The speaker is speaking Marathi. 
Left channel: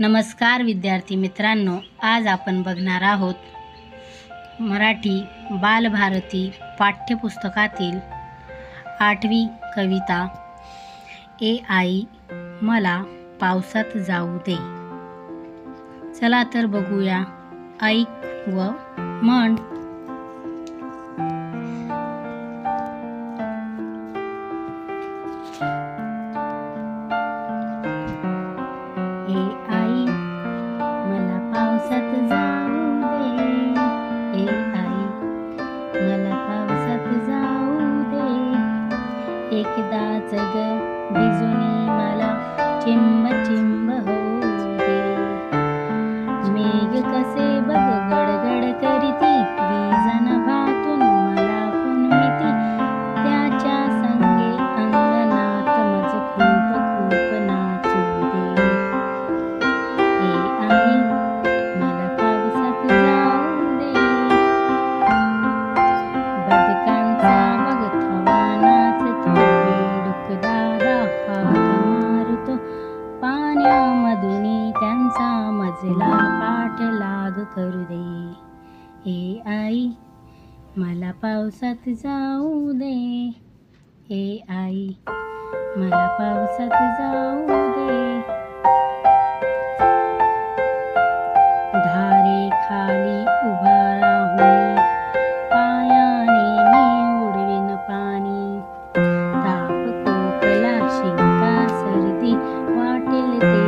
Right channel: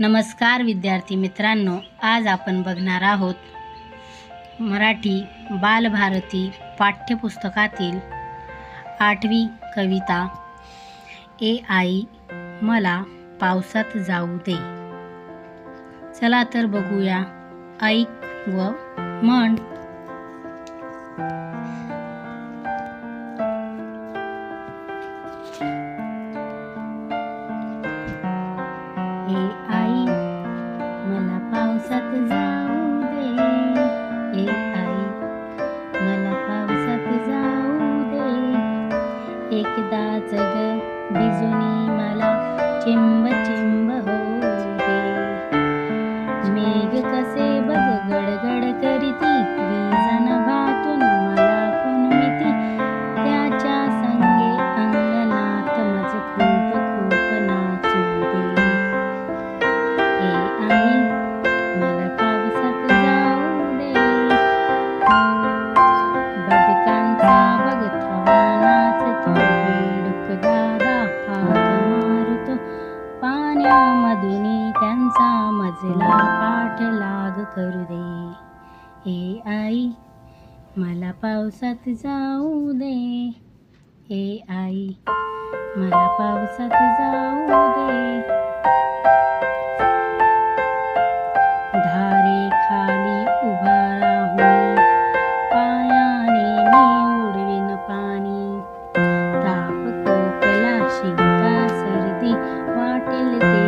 नमस्कार विद्यार्थी मित्रांनो आज आपण बघणार आहोत मराठी बालभारती पाठ्यपुस्तकातील आठवी कविता ए आई मला पावसात जाऊ दे. चला तर बघूया ऐक व म्हण. ए आई जाऊ दे. एकदा जग भिजुनी मला चिंब चिंब होऊ दे. मेघ कसे बघ गडग माझला पाठ लाग करू दे. ए आई मला पावसात जाऊ दे. ए आई मला पावसात जाऊ दे. धारे खाली उभा राहून पायाने मी उडवीन पाणी. ताप कोकला शिंका सर्दी वाटेल ते